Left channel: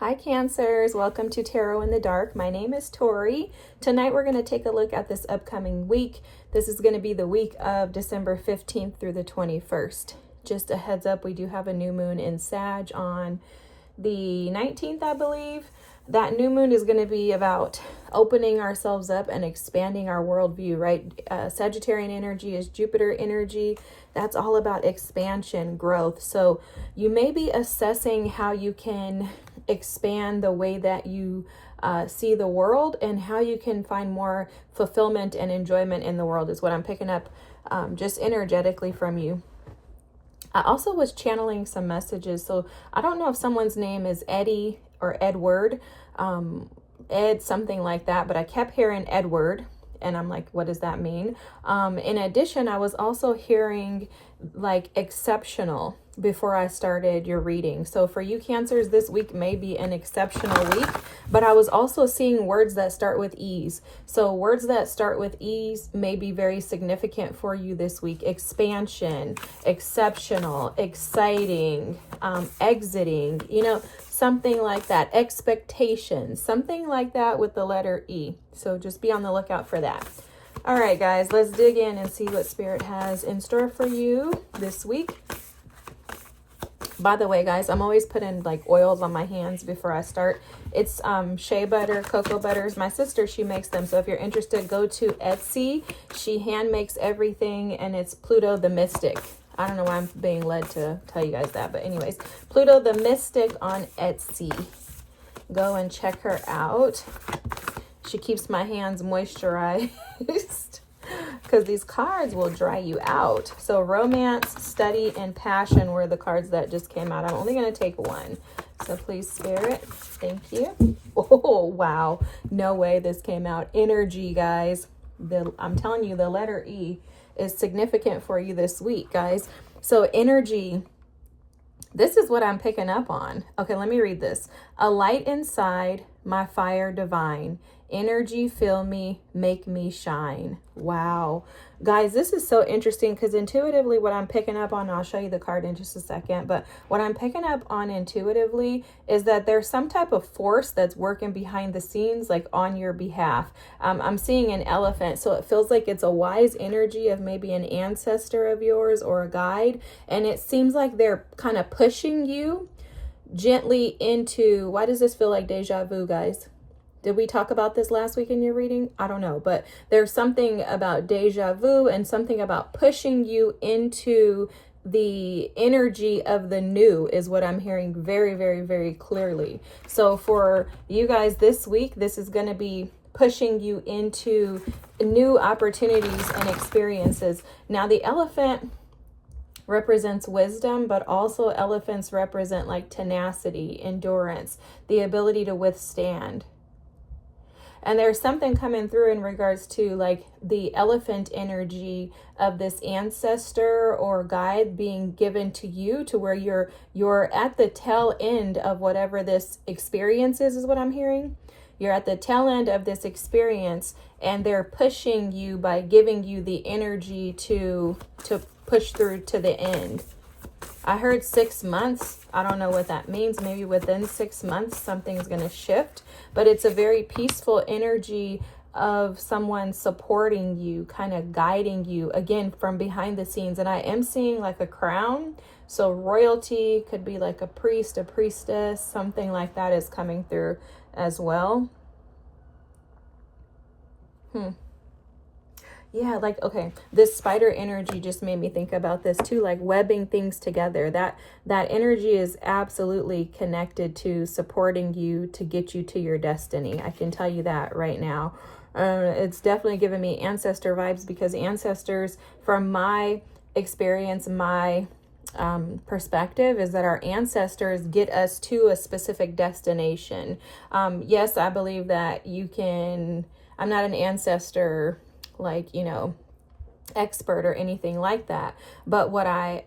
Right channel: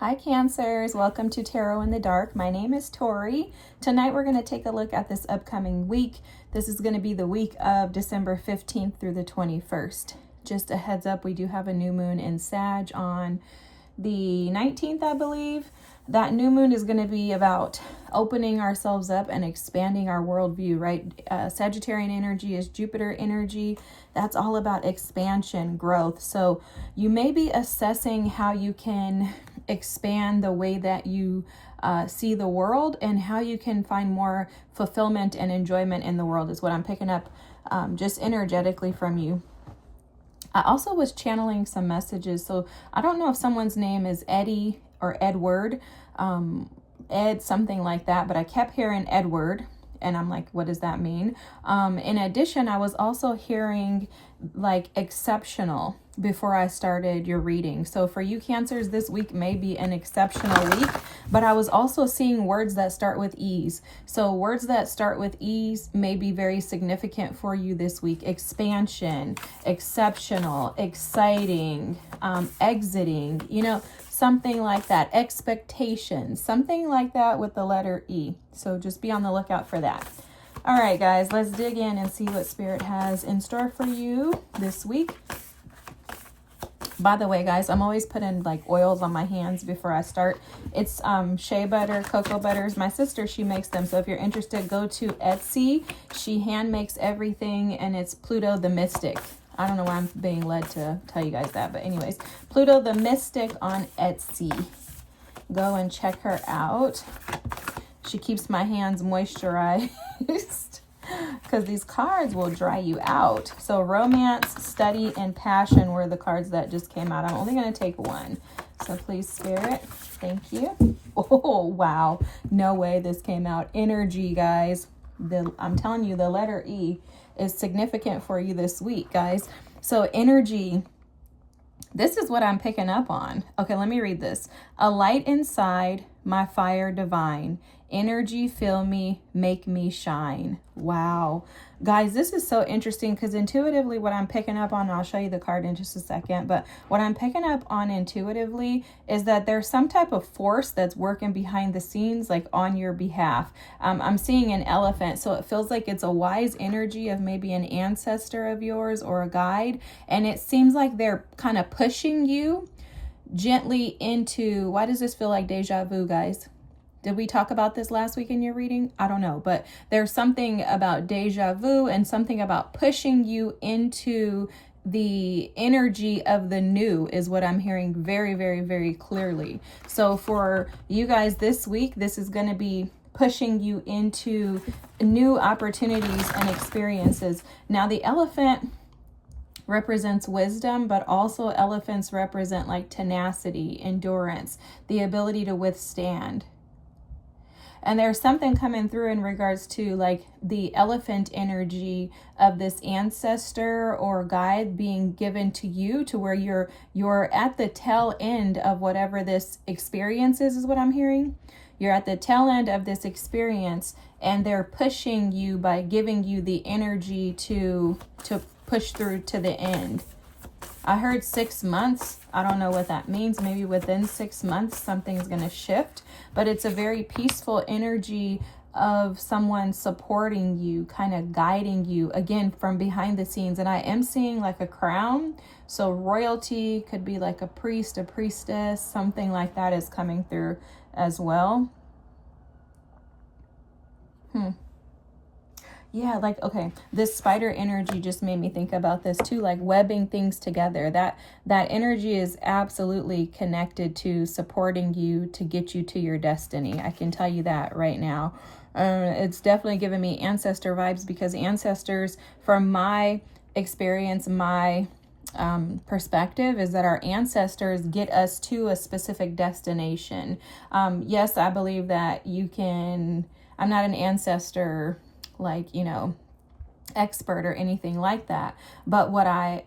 Hi Cancers, welcome to Tarot in the Dark. My name is Tori. Tonight we're going to take a look at this upcoming week. This is going to be the week of December 15th through the 21st. Just a heads up, we do have a new moon in Sag on the 19th, I believe. That new moon is going to be about opening ourselves up and expanding our worldview, right? Sagittarian energy is Jupiter energy. That's all about expansion, growth. So you may be assessing how you can expand the way that you see the world and how you can find more fulfillment and enjoyment in the world is what I'm picking up just energetically from you. I also was channeling some messages. So I don't know if someone's name is Eddie or Edward, Ed, something like that, but I kept hearing Edward. And I'm like, what does that mean? In addition, I was also hearing like exceptional before I started your reading. So for you Cancers, this week may be an exceptional week, but I was also seeing words that start with ease. So words that start with ease may be very significant for you this week. Expansion, exceptional, exciting, exiting, something like that. Expectation, something like that with the letter E. So just be on the lookout for that. All right, guys, let's dig in and see what Spirit has in store for you this week. By the way, guys, I'm always putting like oils on my hands before I start. It's shea butter, cocoa butters. My sister, she makes them. So if you're interested, go to Etsy. She hand makes everything, and it's Pluto the Mystic. I don't know why I'm being led to tell you guys that, but anyways, Pluto the Mystic on Etsy. Go and check her out. She keeps my hands moisturized because these cards will dry you out. So romance, study, and passion were the cards that just came out. I'm only going to take one. So please, Spirit, thank you. Oh, wow. No way this came out. Energy, guys. I'm telling you, the letter E is significant for you this week, guys. So energy, this is what I'm picking up on. Okay, let me read this. A light inside, my fire divine. Energy, fill me, make me shine. Wow. Guys, this is so interesting because intuitively what I'm picking up on, I'll show you the card in just a second, but what I'm picking up on intuitively is that there's some type of force that's working behind the scenes, like on your behalf. I'm seeing an elephant, so it feels like it's a wise energy of maybe an ancestor of yours or a guide, and it seems like they're kind of pushing you gently into, why does this feel like deja vu, guys? Did we talk about this last week in your reading? I don't know, but there's something about deja vu and something about pushing you into the energy of the new is what I'm hearing very, very, very clearly. So for you guys this week, this is going to be pushing you into new opportunities and experiences. Now, the elephant represents wisdom, but also elephants represent like tenacity, endurance, the ability to withstand. And there's something coming through in regards to like the elephant energy of this ancestor or guide being given to you to where you're at the tail end of whatever this experience is what I'm hearing. You're at the tail end of this experience and they're pushing you by giving you the energy to push through to the end. I heard 6 months. I don't know what that means. Maybe within 6 months, something's going to shift. But it's a very peaceful energy of someone supporting you, kind of guiding you, again, from behind the scenes. And I am seeing like a crown. So royalty could be like a priest, a priestess, something like that is coming through as well. Yeah, like, okay, this spider energy just made me think about this too, like webbing things together. That energy is absolutely connected to supporting you to get you to your destiny. I can tell you that right now. It's definitely giving me ancestor vibes because ancestors, from my experience, my perspective is that our ancestors get us to a specific destination. Yes, I believe that you can, I'm not an ancestor like, expert or anything like that, but what I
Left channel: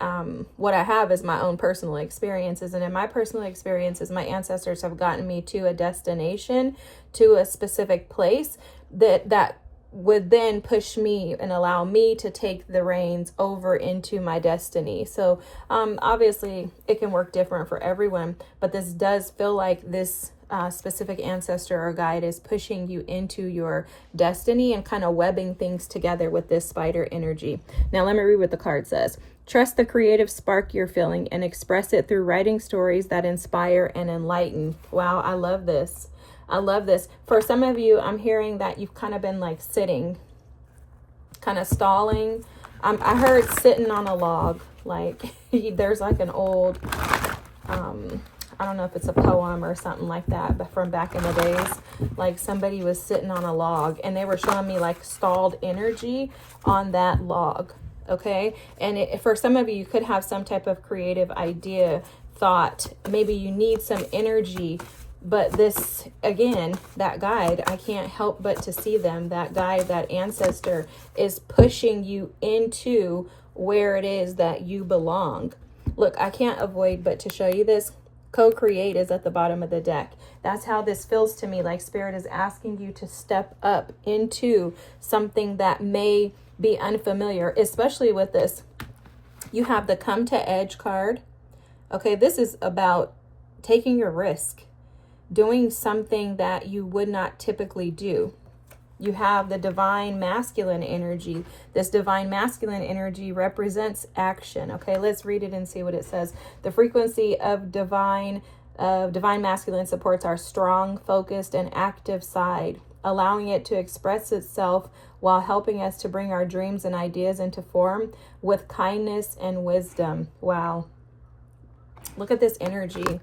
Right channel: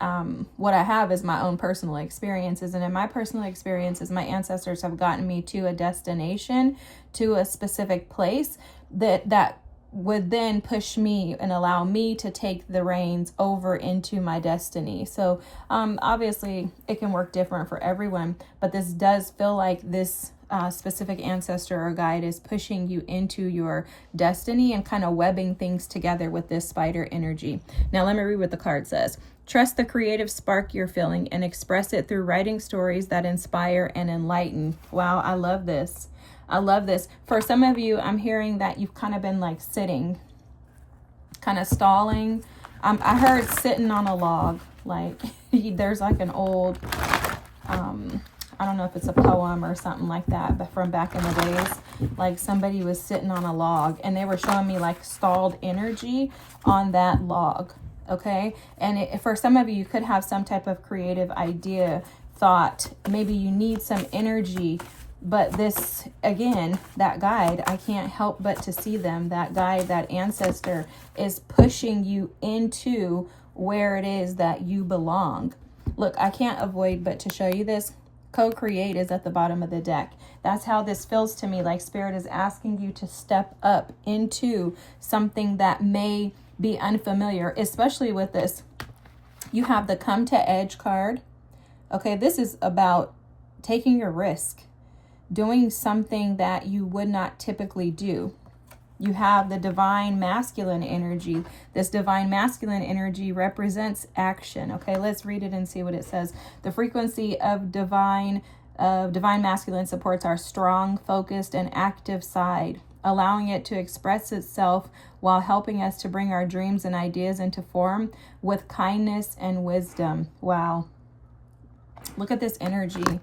have is my own personal experiences, and in my personal experiences my ancestors have gotten me to a destination, to a specific place that would then push me and allow me to take the reins over into my destiny. So obviously it can work different for everyone, but this does feel like this specific ancestor or guide is pushing you into your destiny and kind of webbing things together with this spider energy. Now let me read what the card says. Trust the creative spark you're feeling and express it through writing stories that inspire and enlighten. Wow, I love this. I love this. For some of you, I'm hearing that you've kind of been like sitting, kind of stalling. I heard sitting on a log. Like there's like an old, I don't know if it's a poem or something like that, but from back in the days, like somebody was sitting on a log and they were showing me like stalled energy on that log. Okay. And for some of you, you could have some type of creative idea, thought, maybe you need some energy. But this, again, that guide, I can't help but to see them. That guide, that ancestor is pushing you into where it is that you belong. Look, I can't avoid but to show you this. Co-create is at the bottom of the deck. That's how this feels to me, like Spirit is asking you to step up into something that may be unfamiliar, especially with this. You have the Come to Edge card. Okay, this is about taking your risk, doing something that you would not typically do. You have the divine masculine energy. This divine masculine energy represents action. Okay, let's read it and see what it says. The frequency of divine masculine supports our strong, focused, and active side, allowing it to express itself while helping us to bring our dreams and ideas into form with kindness and wisdom. Wow. Look at this energy.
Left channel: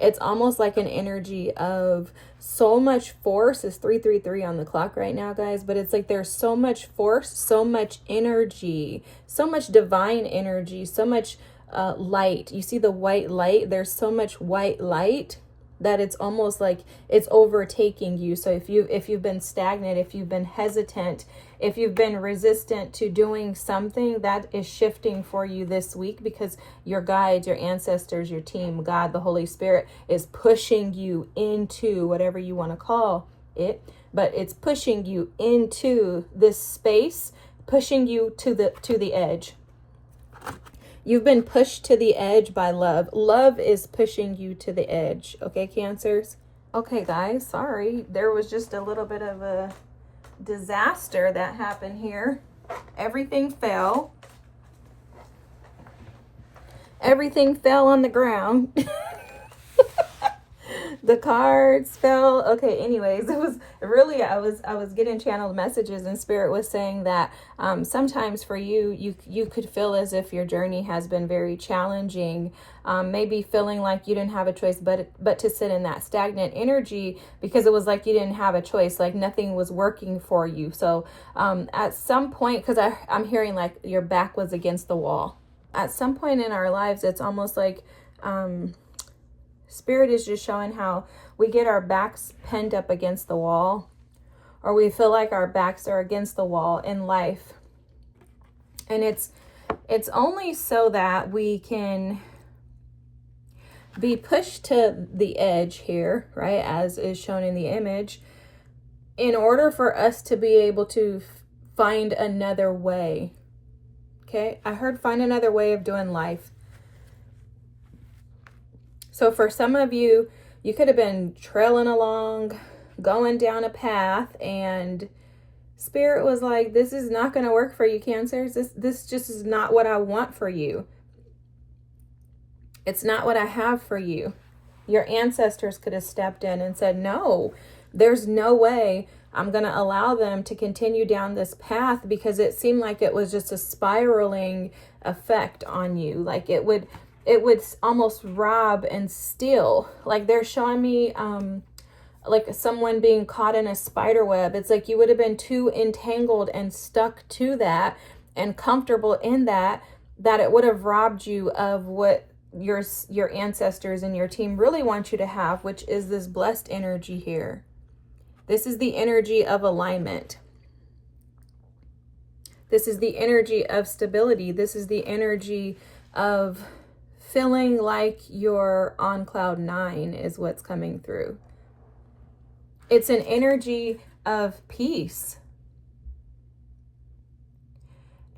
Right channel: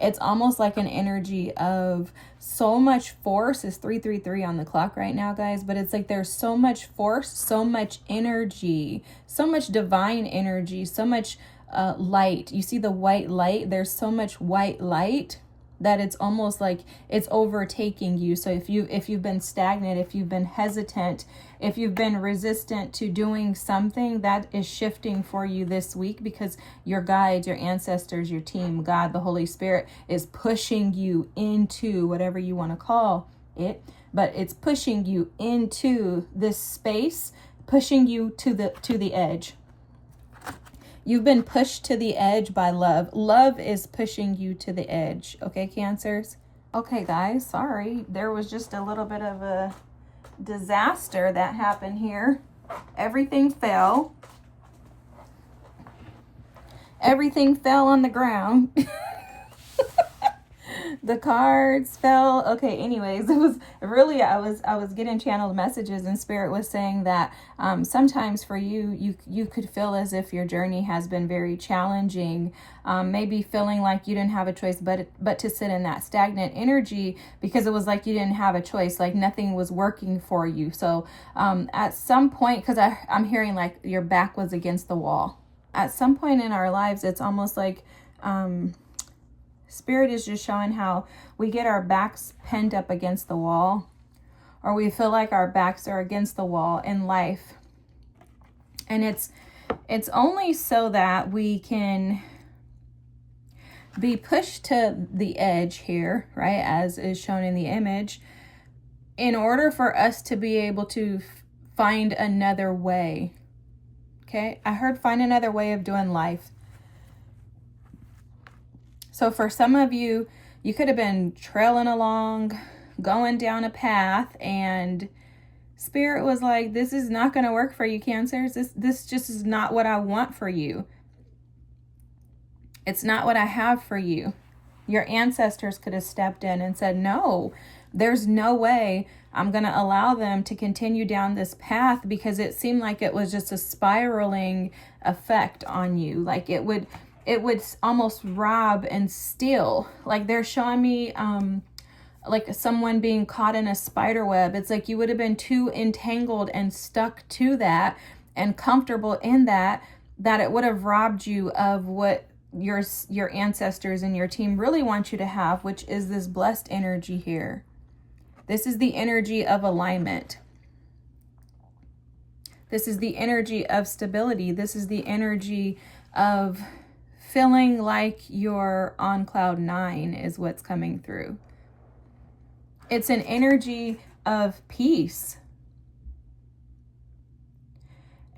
It's almost like an energy of so much force. It's 333 on the clock right now, guys. But it's like there's so much force, so much energy, so much divine energy, so much light. You see the white light? There's so much white light that it's almost like it's overtaking you. So if you've been stagnant, if you've been hesitant, if you've been resistant to doing something, that is shifting for you this week, because your guides, your ancestors, your team, God, the Holy Spirit is pushing you into whatever you want to call it, but it's pushing you into this space, pushing you to the edge. You've been pushed to the edge by love. Love is pushing you to the edge. Okay, Cancers? Okay, guys, sorry. There was just a little bit of a disaster that happened here. Everything fell. Everything fell on the ground. The cards fell. Okay, anyways, it was really, I was getting channeled messages, and Spirit was saying that sometimes for you could feel as if your journey has been very challenging, maybe feeling like you didn't have a choice but to sit in that stagnant energy, because it was like you didn't have a choice, like nothing was working for you. So at some point, because I'm hearing like your back was against the wall. At some point in our lives, it's almost like Spirit is just showing how we get our backs pinned up against the wall, or we feel like our backs are against the wall in life. And it's only so that we can be pushed to the edge here, right, as is shown in the image, in order for us to be able to find another way. Okay, I heard find another way of doing life. So for some of you, you could have been trailing along, going down a path, and Spirit was like, this is not going to work for you, Cancers. This just is not what I want for you. It's not what I have for you. Your ancestors could have stepped in and said, no, there's no way I'm going to allow them to continue down this path, because it seemed like it was just a spiraling effect on you. Like it would almost rob and steal. Like they're showing me like someone being caught in a spider web. It's like you would have been too entangled and stuck to that and comfortable in that it would have robbed you of what your ancestors and your team really want you to have, which is this blessed energy here. This is the energy of alignment. This is the energy of stability. This is the energy of feeling like you're on cloud 9 is what's coming through. It's an energy of peace.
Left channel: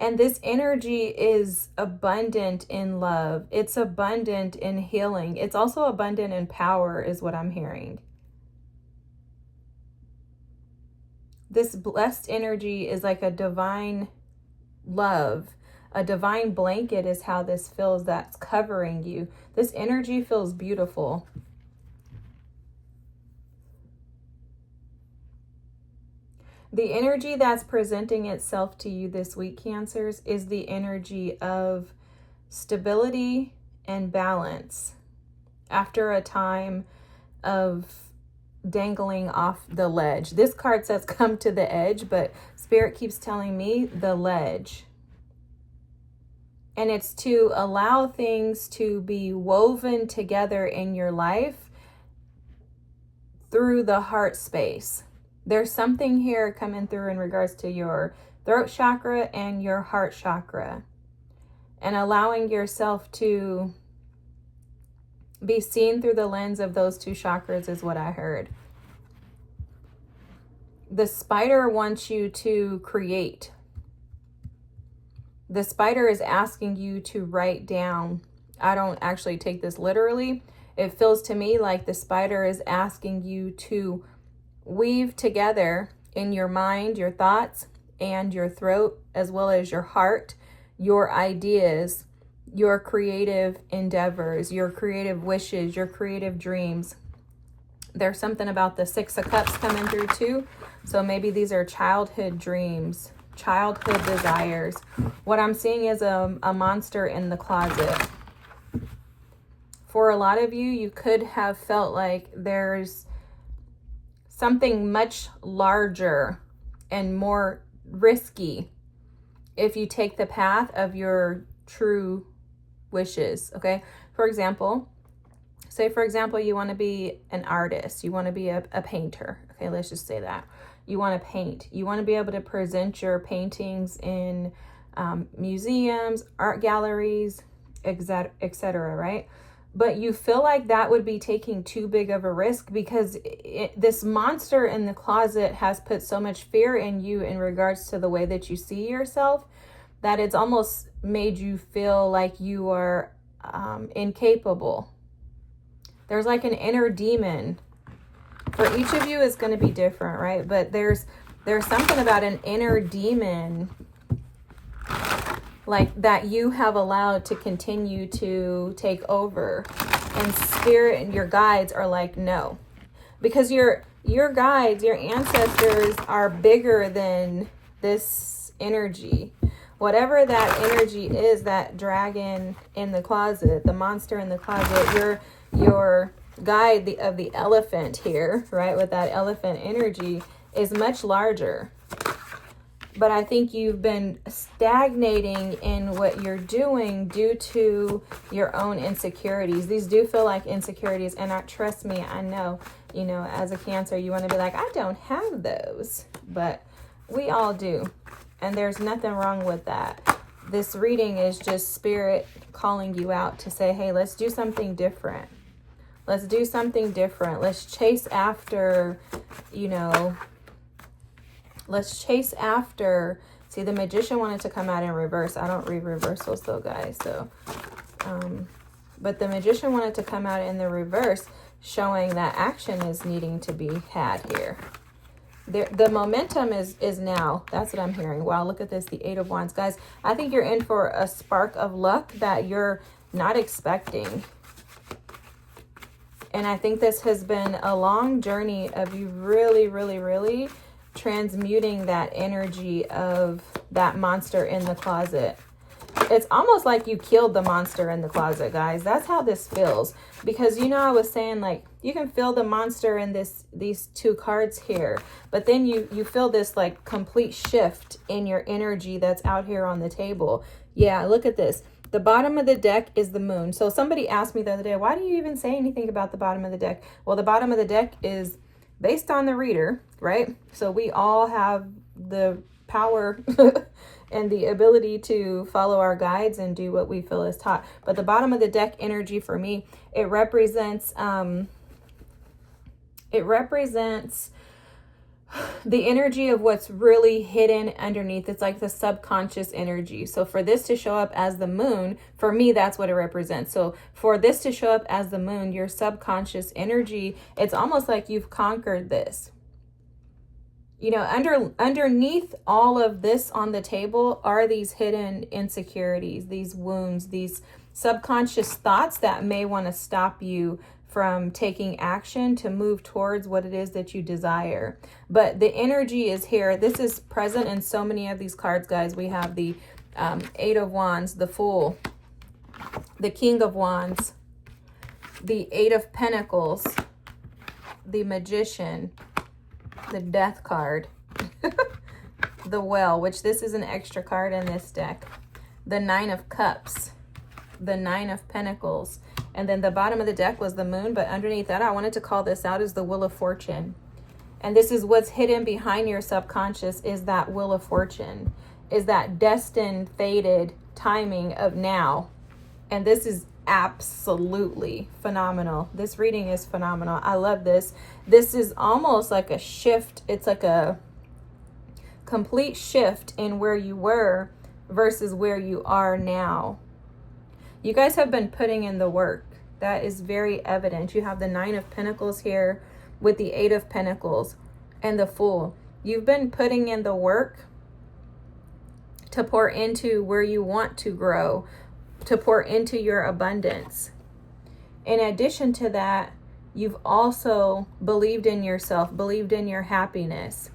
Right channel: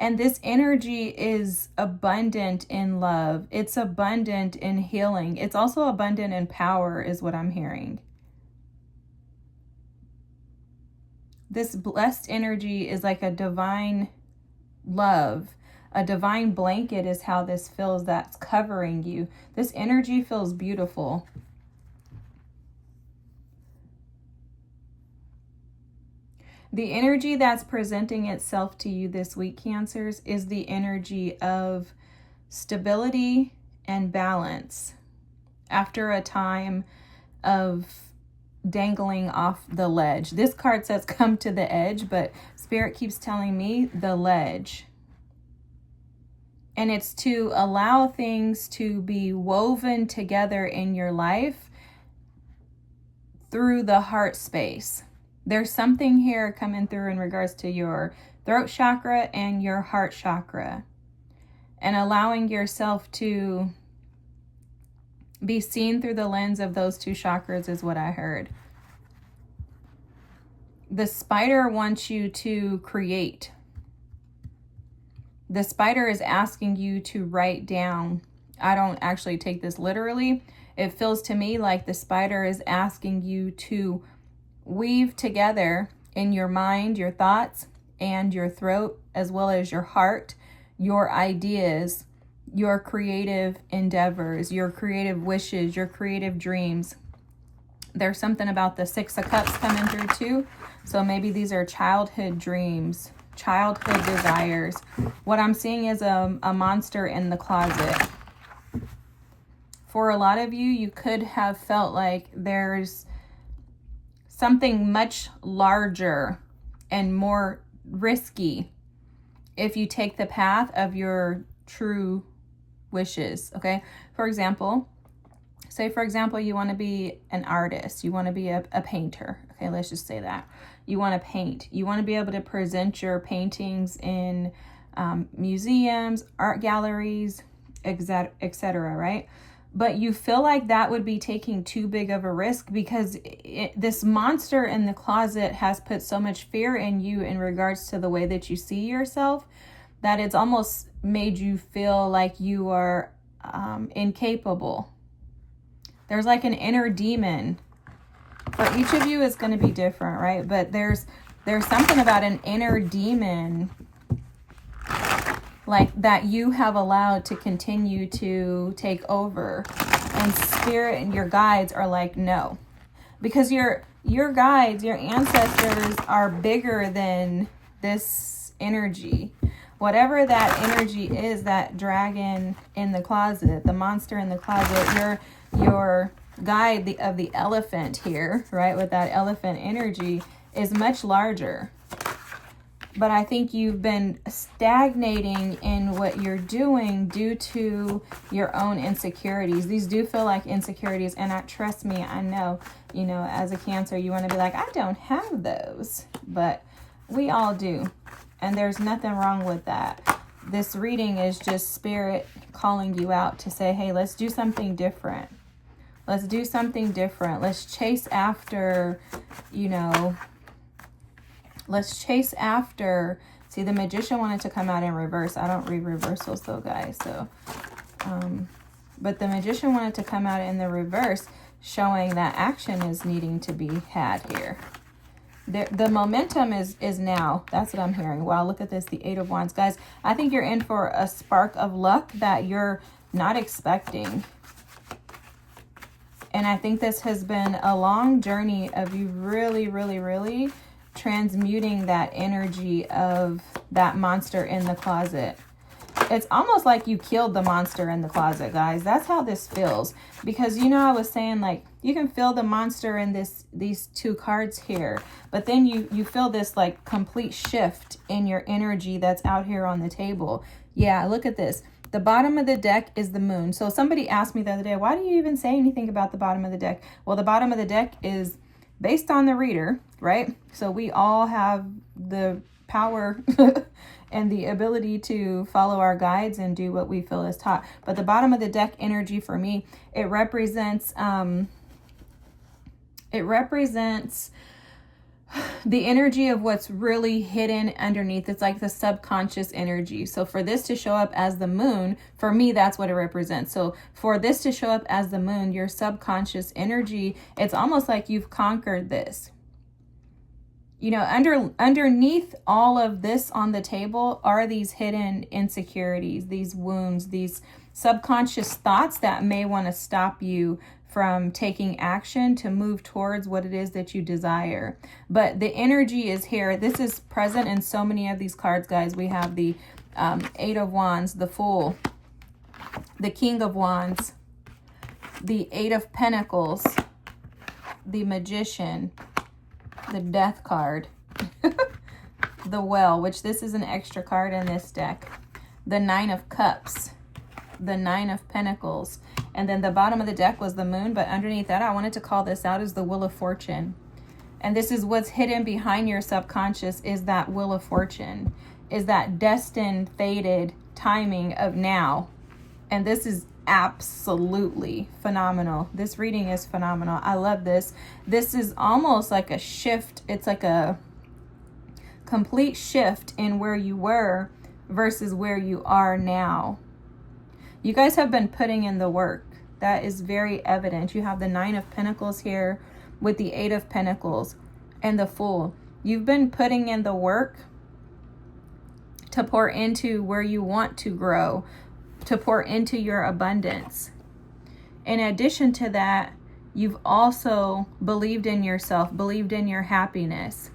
And this energy is abundant in love. It's abundant in healing. It's also abundant in power, is what I'm hearing. This blessed energy is like a divine love. A divine blanket is how this feels, that's covering you. This energy feels beautiful. The energy that's presenting itself to you this week, Cancers, is the energy of stability and balance after a time of dangling off the ledge. This card says come to the edge, but Spirit keeps telling me the ledge. And it's to allow things to be woven together in your life through the heart space. There's something here coming through in regards to your throat chakra and your heart chakra, and allowing yourself to be seen through the lens of those two chakras is what I heard. The spider wants you to create. The spider is asking you to write down. I don't actually take this literally. It feels to me like the spider is asking you to weave together in your mind, your thoughts, and your throat, as well as your heart, your ideas, your creative endeavors, your creative wishes, your creative dreams. There's something about the Six of Cups coming through too. So maybe these are childhood dreams, childhood desires. What I'm seeing is a monster in the closet. For a lot of you, you could have felt like there's something much larger and more risky if you take the path of your true wishes, okay? For example, say for example, you want to be an artist, you want to be a painter, okay? Let's just say that. You want to paint. You want to be able to present your paintings in museums, art galleries, etc., right? But you feel like that would be taking too big of a risk because this monster in the closet has put so much fear in you in regards to the way that you see yourself that it's almost made you feel like you are incapable. There's like an inner demon. For each of you, it's going to be different, right? But there's something about an inner demon like that you have allowed to continue to take over, and Spirit and your guides are like, no, because your guides, your ancestors are bigger than this energy. Whatever that energy is, that dragon in the closet, the monster in the closet, your guide of the elephant here, right, with that elephant energy is much larger. But I think you've been stagnating in what you're doing due to your own insecurities. These do feel like insecurities. And trust me, I know, as a Cancer, you want to be like, I don't have those. But we all do. And there's nothing wrong with that. This reading is just Spirit calling you out to say, hey, let's do something different. Let's do something different. Let's chase after, let's chase after. See, the Magician wanted to come out in reverse. I don't read reversals though, guys. So, but the Magician wanted to come out in the reverse, showing that action is needing to be had here. The momentum is now. That's what I'm hearing. Wow, look at this, the Eight of Wands. Guys, I think you're in for a spark of luck that you're not expecting. And I think this has been a long journey of you really, really, really transmuting that energy of that monster in the closet. It's almost like you killed the monster in the closet, guys. That's how this feels. Because, I was saying, like, you can feel the monster in these two cards here. But then you feel this, like, complete shift in your energy that's out here on the table. Yeah, look at this. The bottom of the deck is the moon. So somebody asked me the other day, why do you even say anything about the bottom of the deck? Well, the bottom of the deck is based on the reader, right? So we all have the power and the ability to follow our guides and do what we feel is taught. But the bottom of the deck energy for me, it represents the energy of what's really hidden underneath. It's like the subconscious energy. So for this to show up as the moon, for me, that's what it represents. So for this to show up as the moon, your subconscious energy, it's almost like you've conquered this. You know, underneath all of this on the table are these hidden insecurities, these wounds, these subconscious thoughts that may want to stop you from taking action to move towards what it is that you desire. But the energy is here. This is present in so many of these cards, guys. We have the Eight of Wands, the Fool, the King of Wands, the Eight of Pentacles, the Magician, the Death card, the Well, which this is an extra card in this deck, the Nine of Cups, the Nine of Pentacles, and then the bottom of the deck was the Moon, but underneath that, I wanted to call this out as the Wheel of Fortune. And this is what's hidden behind your subconscious, is that Wheel of Fortune, is that destined, fated timing of now. And this is absolutely phenomenal. This reading is phenomenal. I love this. This is almost like a shift. It's like a complete shift in where you were versus where you are now. You guys have been putting in the work. That is very evident. You have the Nine of Pentacles here with the Eight of Pentacles and the Fool. You've been putting in the work to pour into where you want to grow, to pour into your abundance. In addition to that, you've also believed in yourself, believed in your happiness.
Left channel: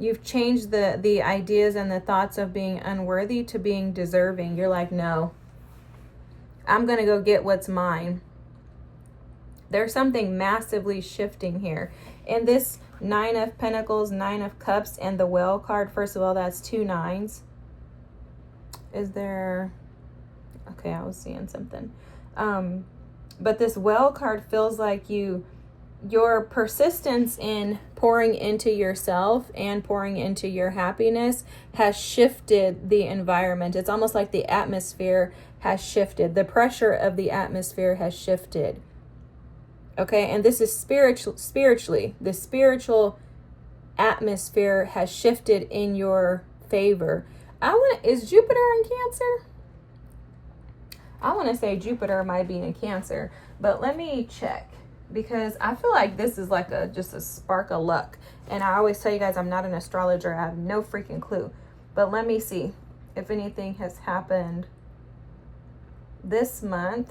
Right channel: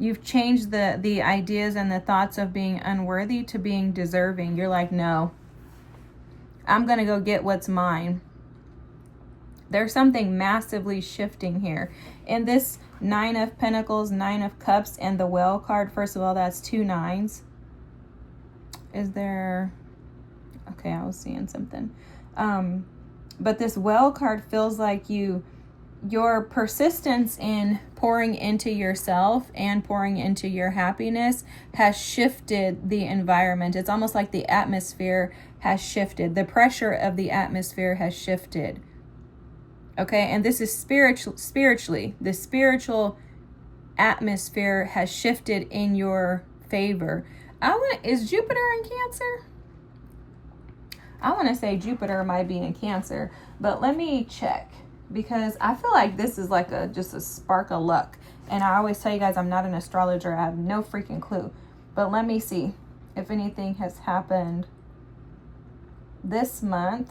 You've changed the ideas and the thoughts of being unworthy to being deserving. You're like, no, I'm going to go get what's mine. There's something massively shifting here. In this Nine of Pentacles, Nine of Cups, and the Well card, first of all, that's two nines. Is there... Okay, I was seeing something. But this Well card feels like your persistence in pouring into yourself and pouring into your happiness has shifted the environment. It's almost like the atmosphere has shifted. The pressure of the atmosphere has shifted. Okay, and this is spiritually. The spiritual atmosphere has shifted in your favor. Is Jupiter in Cancer? I want to say Jupiter might be in Cancer, but let me check, because I feel like this is like just a spark of luck. And I always tell you guys, I'm not an astrologer. I have no freaking clue. But let me see if anything has happened this month.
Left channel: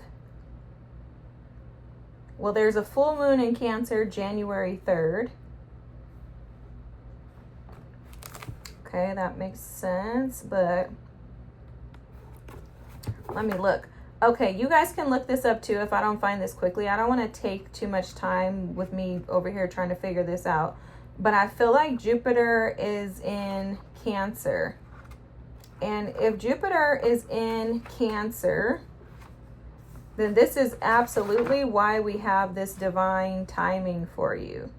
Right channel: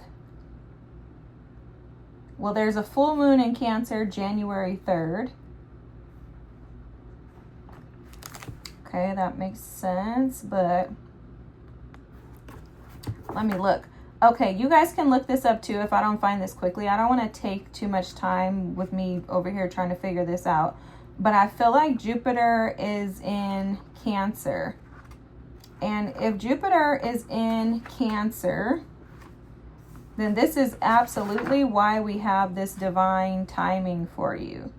Well, there's a full moon in Cancer, January 3rd. Okay, that makes sense, but let me look. Okay, you guys can look this up too if I don't find this quickly. I don't want to take too much time with me over here trying to figure this out. But I feel like Jupiter is in Cancer. And if Jupiter is in Cancer, then this is absolutely why we have this divine timing for you.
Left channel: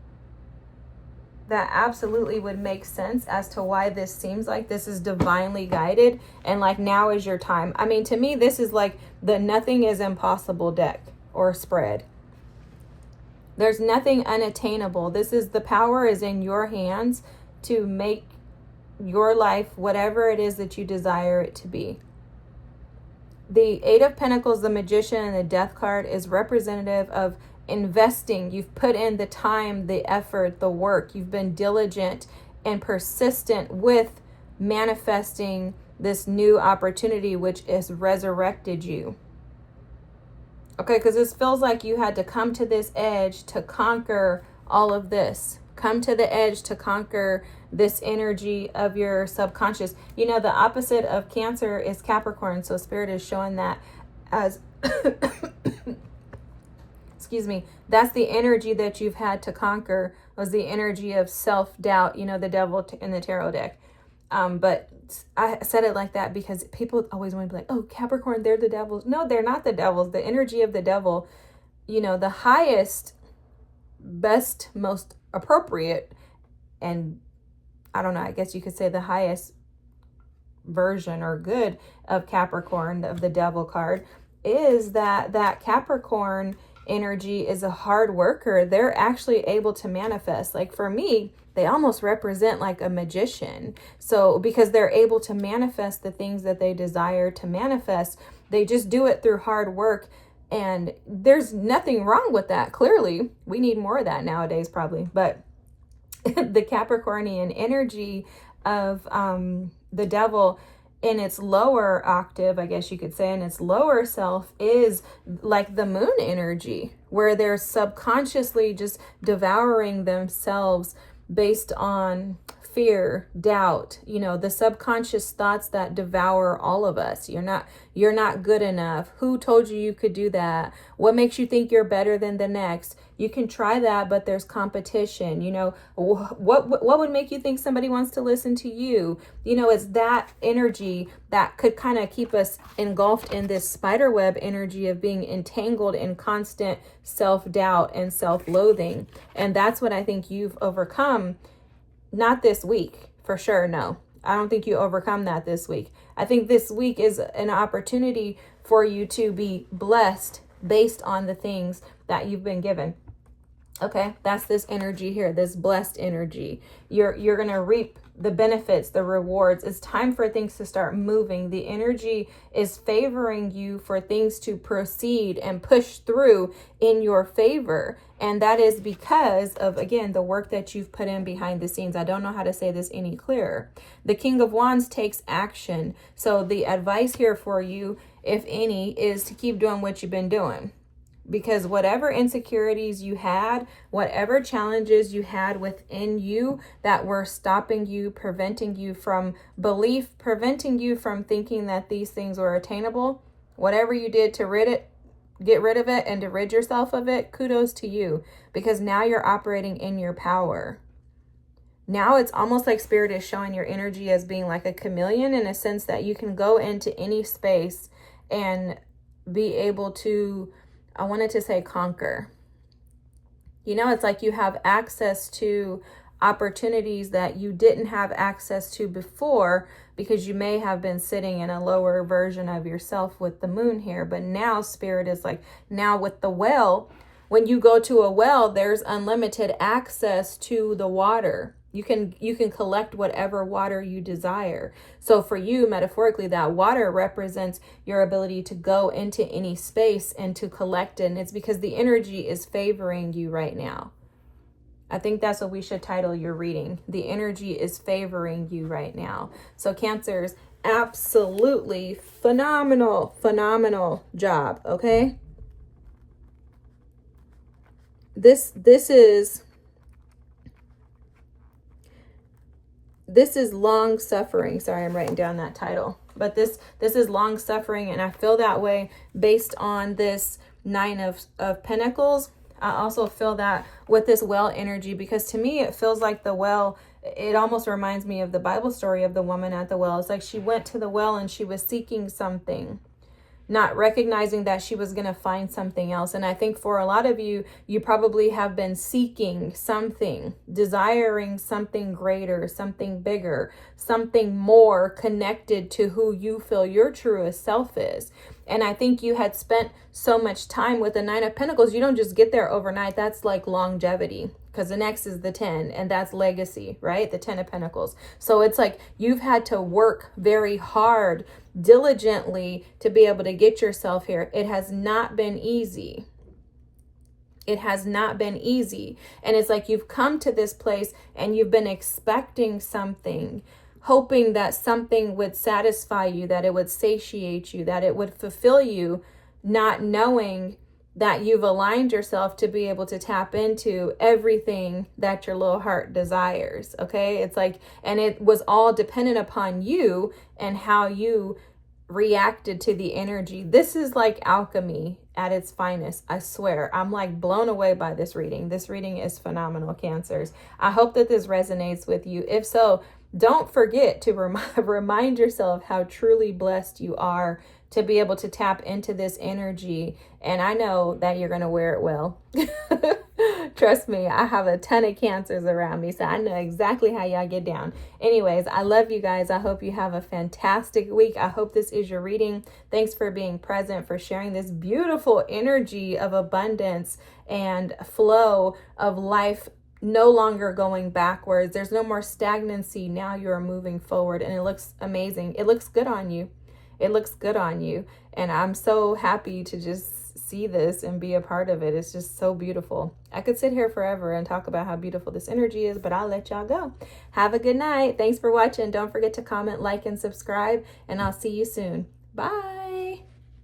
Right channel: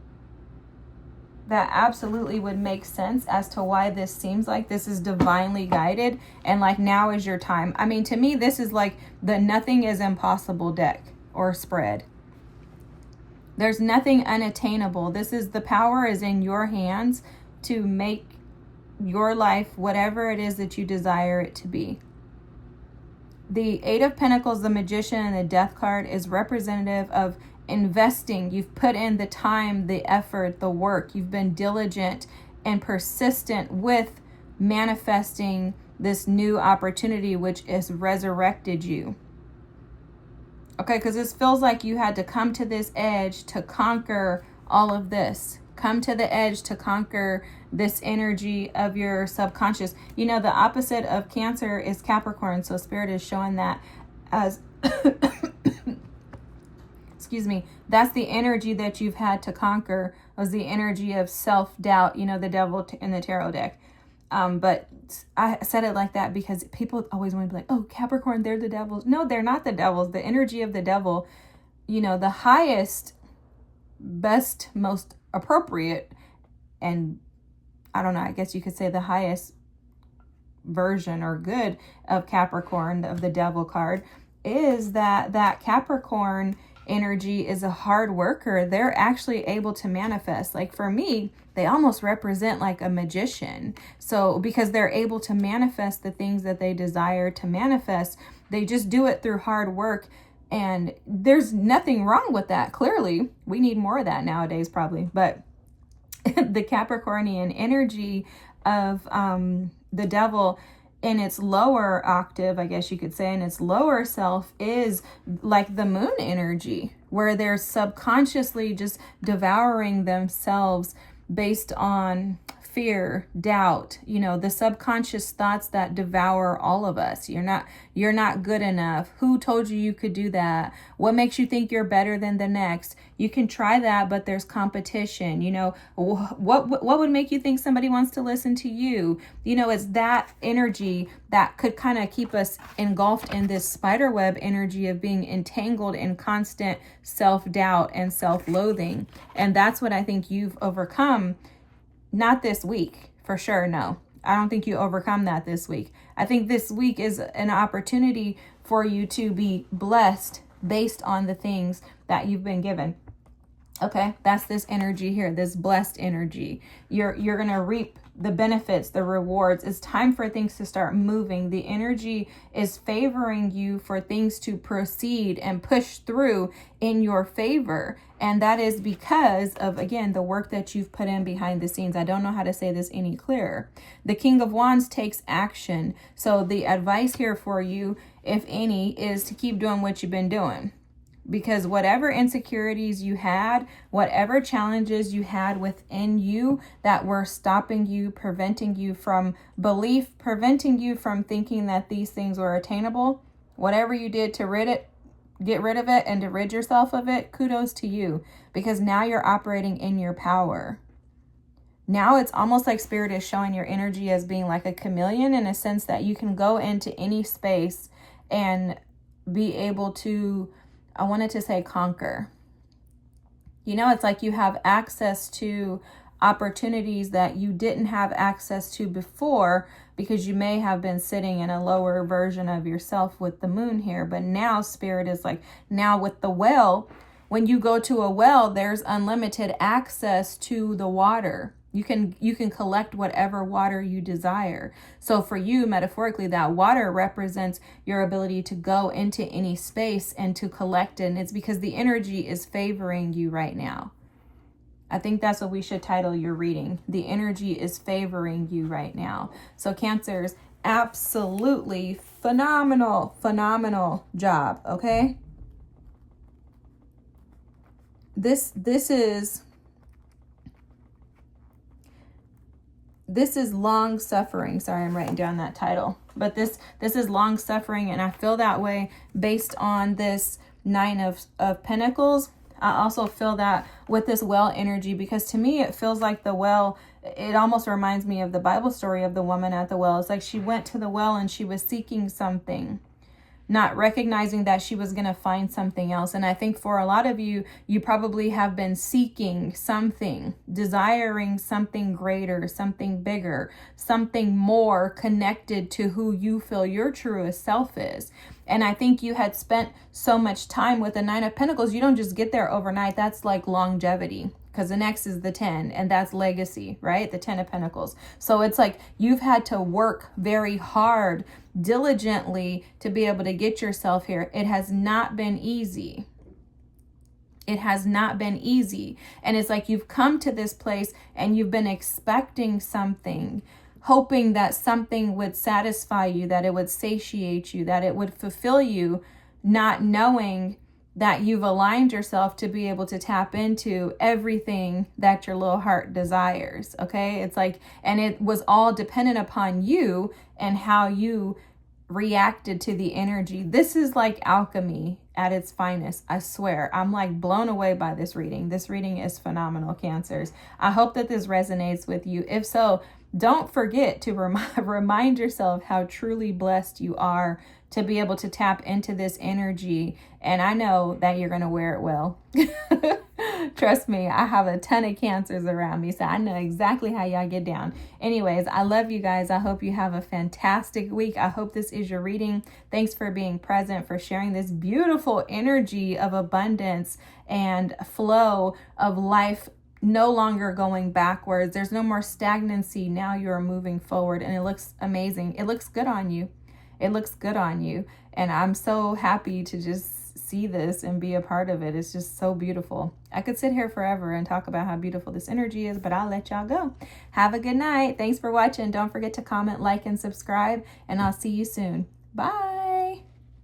That absolutely would make sense as to why this seems like this is divinely guided and like now is your time. I mean, to me, this is like the nothing is impossible deck or spread. There's nothing unattainable. This is the power is in your hands to make your life whatever it is that you desire it to be. The Eight of Pentacles, the Magician, and the Death card is representative of investing. You've put in the time, the effort, the work. You've been diligent and persistent with manifesting this new opportunity, which has resurrected you. Okay, because this feels like you had to come to this edge to conquer all of this. Come to the edge to conquer this energy of your subconscious. You know, the opposite of Cancer is Capricorn. So Spirit is showing that as... excuse me, that's the energy that you've had to conquer, was the energy of self-doubt, you know, the devil in the tarot deck. But I said it like that because people always want to be like, oh, Capricorn, they're the devils. No, they're not the devils. The energy of the devil, you know, the highest, best, most appropriate, and I don't know, I guess you could say the highest version or good of Capricorn, of the devil card, is that Capricorn energy is a hard worker, they're actually able to manifest. Like for me, they almost represent like a magician. So because they're able to manifest the things that they desire to manifest, they just do it through hard work. And there's nothing wrong with that. Clearly, we need more of that nowadays, probably. But the Capricornian energy of the devil in its lower octave, I guess you could say, in its lower self, is like the moon energy, where they're subconsciously just devouring themselves based on fear, doubt, the subconscious thoughts that devour all of us. You're not good enough. Who told you you could do that? What makes you think you're better than the next? You can try that, but there's competition. What would make you think somebody wants to listen to you? It's that energy that could kind of keep us engulfed in this spider web energy of being entangled in constant self-doubt and self-loathing. And that's what I think you've overcome. Not this week, for sure. No, I don't think you overcome that this week. I think this week is an opportunity for you to be blessed based on the things that you've been given. Okay, that's this energy here, this blessed energy. You're going to reap the benefits, the rewards. It's time for things to start moving. The energy is favoring you for things to proceed and push through in your favor. And that is because of, again, the work that you've put in behind the scenes. I don't know how to say this any clearer. The King of Wands takes action. So the advice here for you, if any, is to keep doing what you've been doing. Because whatever insecurities you had, whatever challenges you had within you that were stopping you, preventing you from belief, preventing you from thinking that these things were attainable, whatever you did to get rid of it and to rid yourself of it, kudos to you. Because now you're operating in your power. Now it's almost like Spirit is showing your energy as being like a chameleon, in a sense that you can go into any space and be able to, I wanted to say, conquer. It's like you have access to opportunities that you didn't have access to before, because you may have been sitting in a lower version of yourself with the moon here. But now Spirit is like, now with the well, when you go to a well, there's unlimited access to the water. You can collect whatever water you desire. So for you, metaphorically, that water represents your ability to go into any space and to collect it. And it's because the energy is favoring you right now. I think that's what we should title your reading. The energy is favoring you right now. So Cancers, absolutely phenomenal job, okay? This is long suffering. Sorry, I'm writing down that title. But this is long suffering, and I feel that way based on this Nine of Pentacles. I also feel that with this well energy, because to me it feels like the well, it almost reminds me of the Bible story of the woman at the well. It's like she went to the well and she was seeking something, not recognizing that she was going to find something else. And I think for a lot of you, you probably have been seeking something, desiring something greater, something bigger, something more connected to who you feel your truest self is. And I think you had spent so much time with the Nine of Pentacles. You don't just get there overnight. That's like longevity, because the next is the 10, and that's legacy, right? The 10 of Pentacles. So it's like you've had to work very hard, diligently, to be able to get yourself here. It has not been easy. It has not been easy. And it's like you've come to this place and you've been expecting something, hoping that something would satisfy you, that it would satiate you, that it would fulfill you, not knowing that you've aligned yourself to be able to tap into everything that your little heart desires. Okay. It's like, and it was all dependent upon you and how you reacted to the energy. This is like alchemy at its finest. I swear, I'm like blown away by this reading. This reading is phenomenal, Cancers. I hope that this resonates with you. If so, don't forget to remind yourself how truly blessed you are to be able to tap into this energy. And I know that you're going to wear it well. Trust me, I have a ton of Cancers around me, so I know exactly how y'all get down. Anyways, I love you guys. I hope you have a fantastic week. I hope this is your reading. Thanks for being present, for sharing this beautiful energy of abundance and flow of life, no longer going backwards. There's no more stagnancy. Now you're moving forward, and it looks amazing. It looks good on you. It looks good on you. And I'm so happy to just see this and be a part of it. It's just so beautiful. I could sit here forever and talk about how beautiful this energy is, but I'll let y'all go. Have a good night. Thanks for watching. Don't forget to comment, like, and subscribe, and I'll see you soon. Bye.